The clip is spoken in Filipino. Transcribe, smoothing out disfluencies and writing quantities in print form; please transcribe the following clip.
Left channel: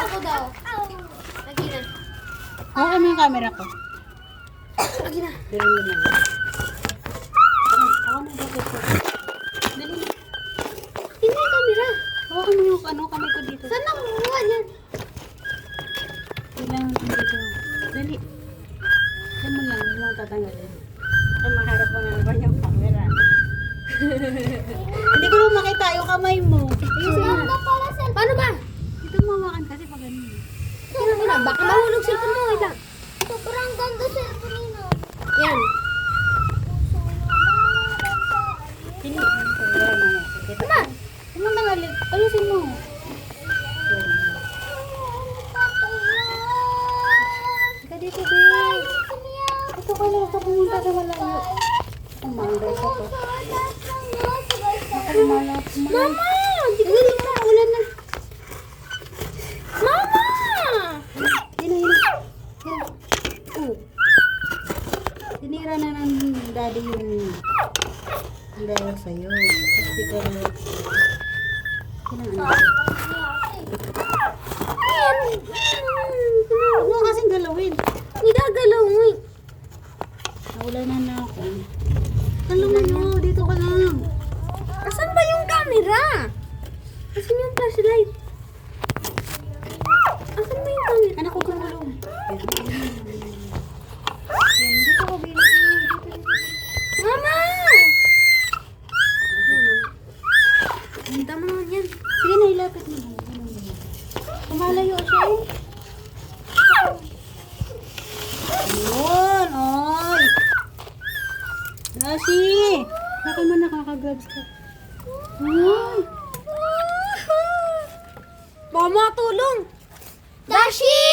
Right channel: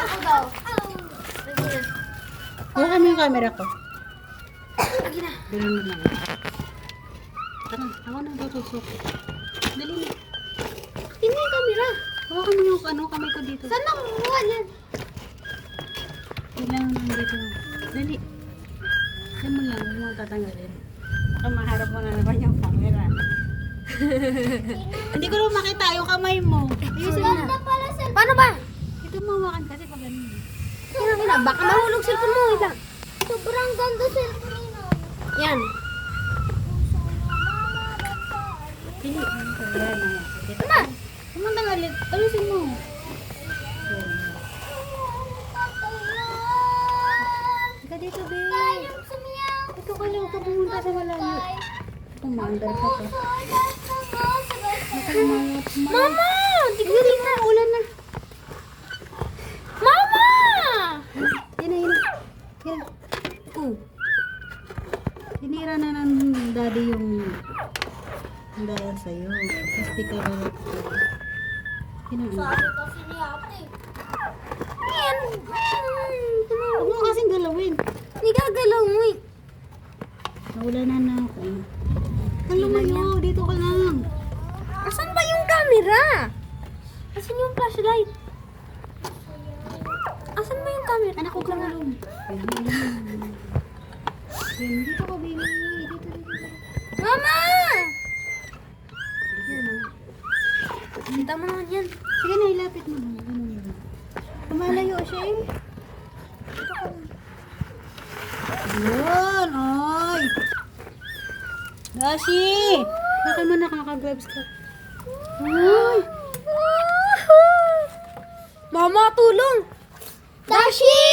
Ako daw. Lagi na. Hawakan mo yung camera ko. Lagi na. Dali mo lang. Tara, hawakan mo dito siya. Dali na. Hindi yung camera. Hawakan mo yung kamay ko dito. Saan nakuha yan? Kailangan mo dito. Dali. Dali mo lang, huwag mo tatanggalin. Baka maharap mo na naman yung camera. Hindi ko naman makita yung kamay mo. Ayusin mo. Paano ba? Ito mo hawakan kasi pag ganun. Ina, ina. Baka mahulog cellphone mo. Ila. Sobrang ganda cellphone mo. Yan. Dili. Ayan na. Kita ko. Kumanda nga ulit. Ayusin mo. Ayan. Ika dito, babe. Ito ka lang. Ito pumunta na malayo. Kumanda ka to. Baka lumalap. Mama! Hindi na. Ulan na. Mama! Yan na, yan na. Yan. Oh. Hinira na ng daddy yung dahil sa'yo. Tapos di ka na. Kinaan. Huwag mo kasing galawin. Hindi gagalawin. Nawala na ako. Kalungan mo. Dito ka lang. Asan ba yung camera? Asan yung flashlight? Asan ba yung camera? Anak ko gulong. Yan, dito ka, baby. Dito. Mama! Hinta mo naman yan. Sige na, ilapit mo lang. Ganun lang. Kumalayo siya eh. Yun, oy. Dashi! Baka mo nakaka-gloves ka. Yun. Mama, tulong! Dashi!